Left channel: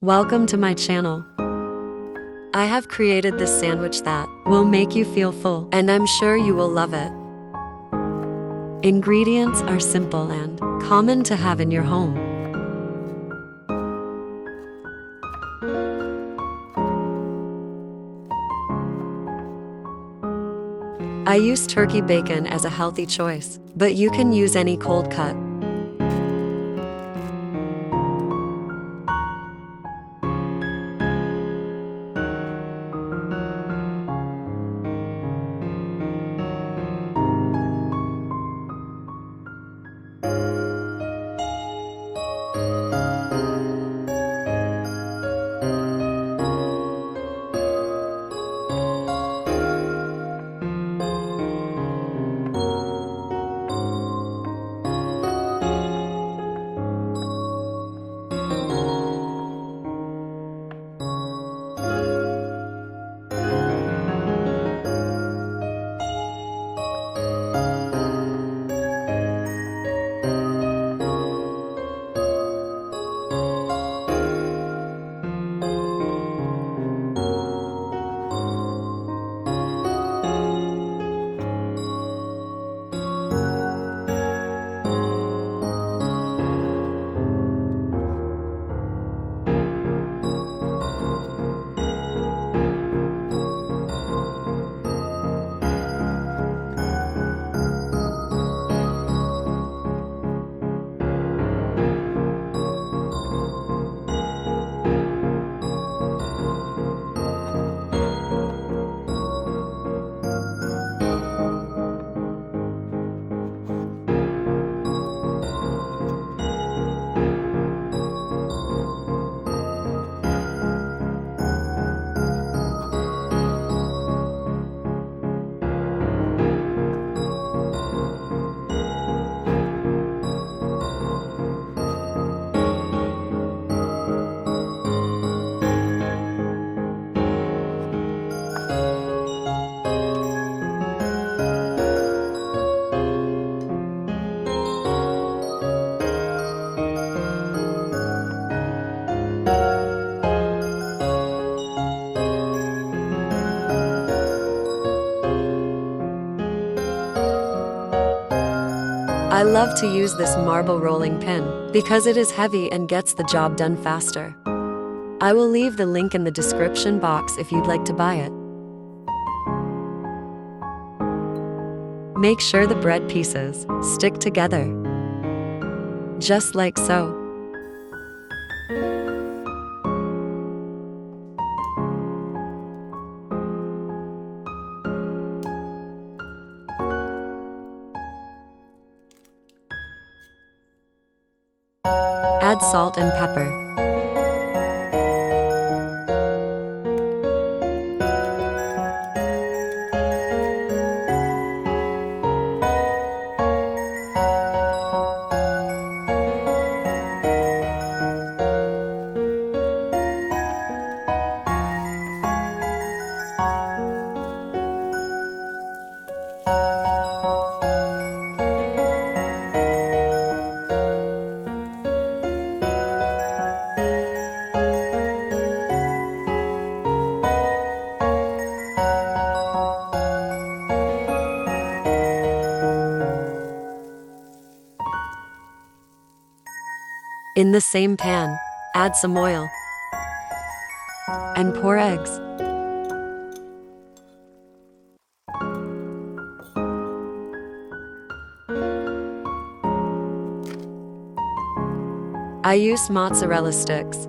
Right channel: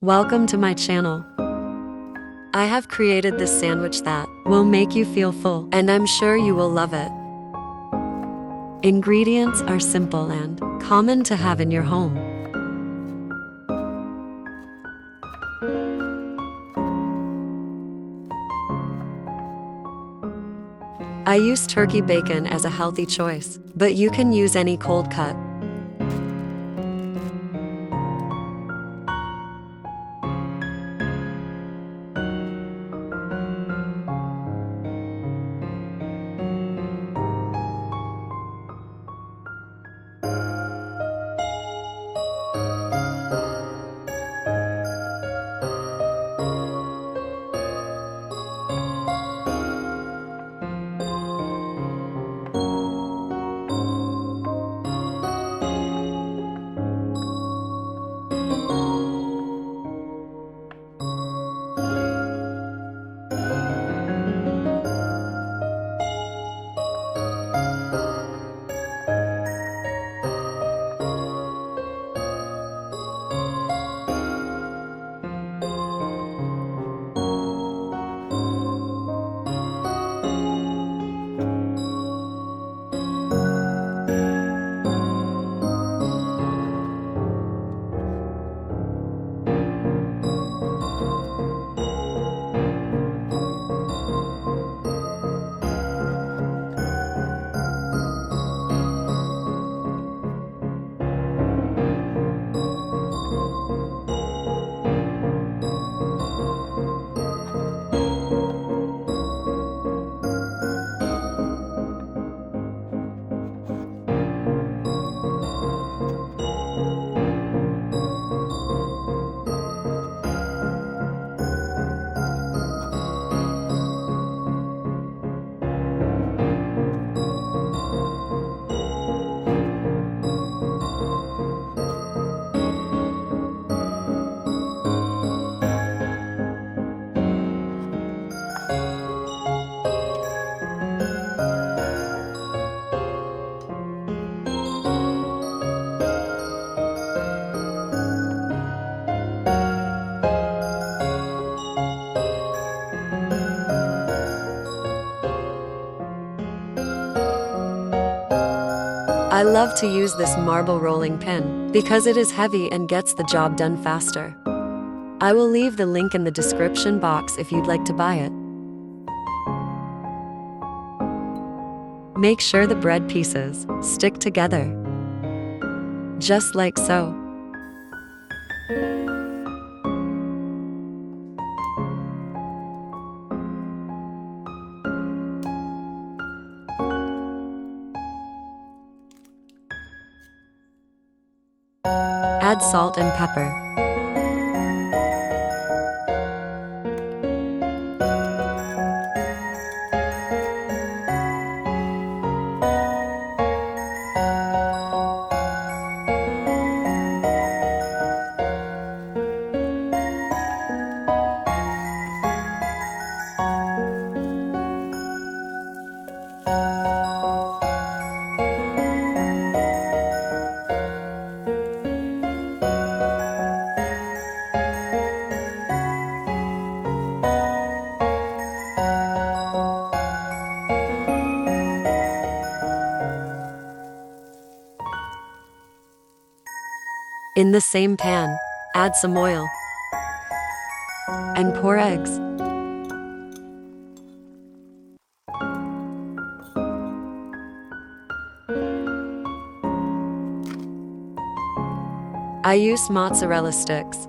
Welcome to my channel. I have created this sandwich that will make you feel full, and I'm sure you will love it. Ingredients are simple and common to have in your home. I use turkey bacon as a healthy choice, but you can use any cold cut. I love to use this marble rolling pin because it is heavy and gets the job done faster. I will leave the link in the description box if you'd like to buy it. Make sure the bread pieces stick together, just like so. Add salt and pepper. In the same pan, add some oil and pour eggs. I use mozzarella sticks.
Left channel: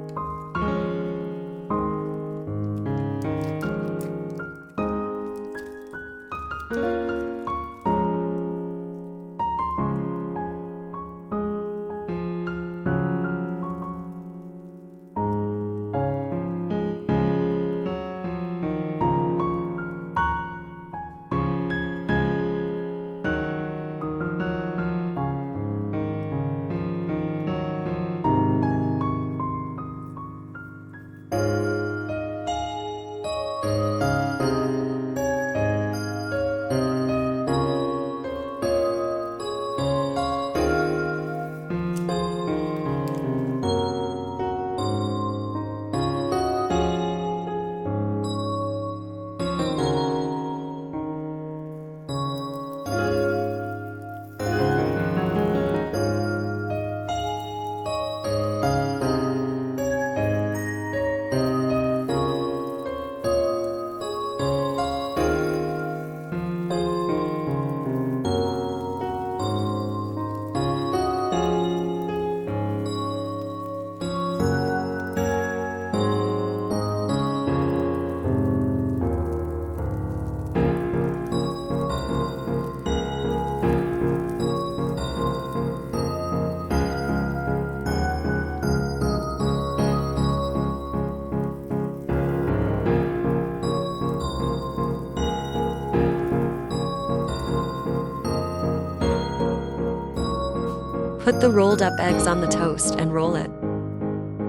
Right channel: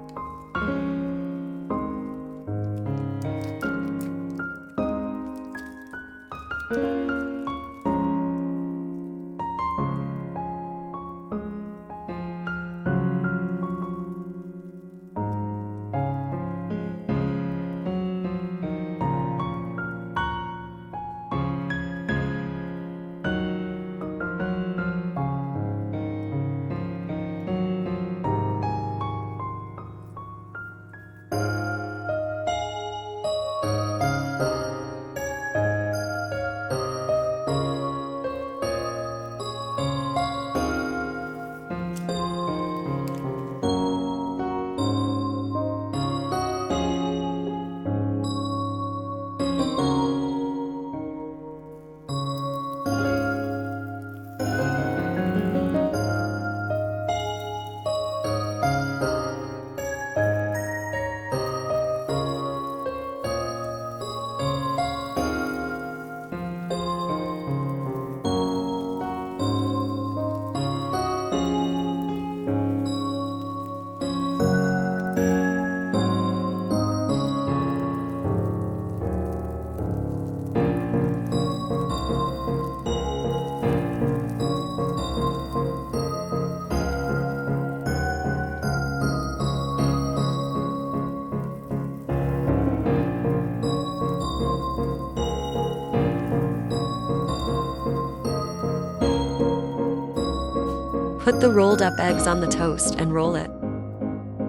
Put the rolled up eggs on the toast and roll it.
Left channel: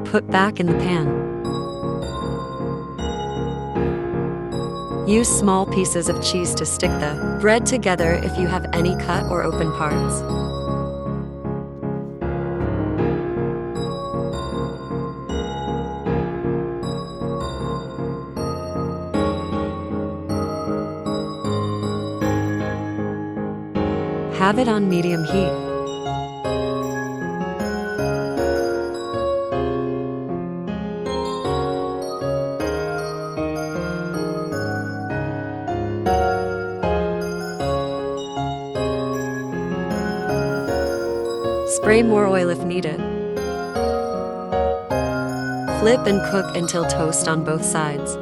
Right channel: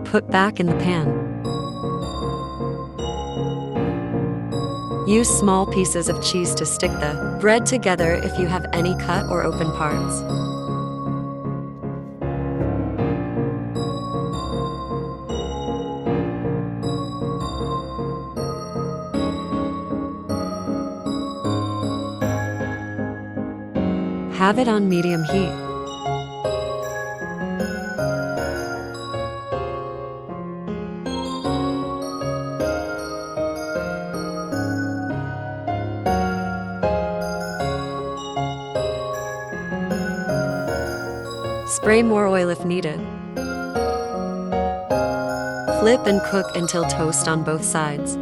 Put back in the pan. Use small pieces of cheese to stick the bread together if you have any cut or open parts. Have it on medium heat. Spray more oil if needed. Flip and cook until toast on both sides.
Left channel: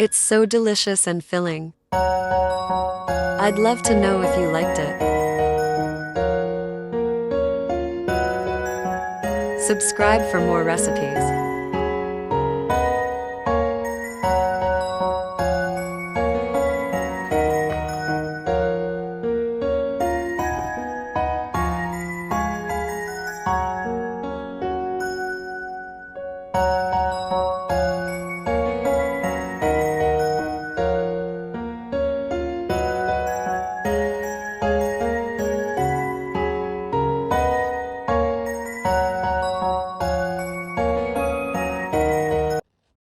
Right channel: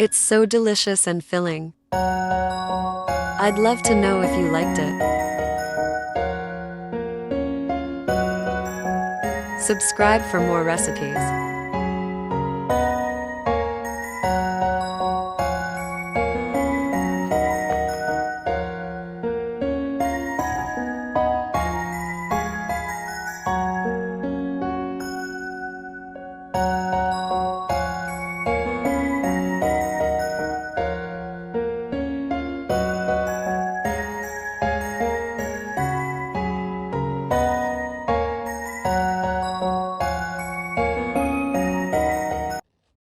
It's so delicious and filling. I'd love to know if you liked it. Subscribe for more recipes.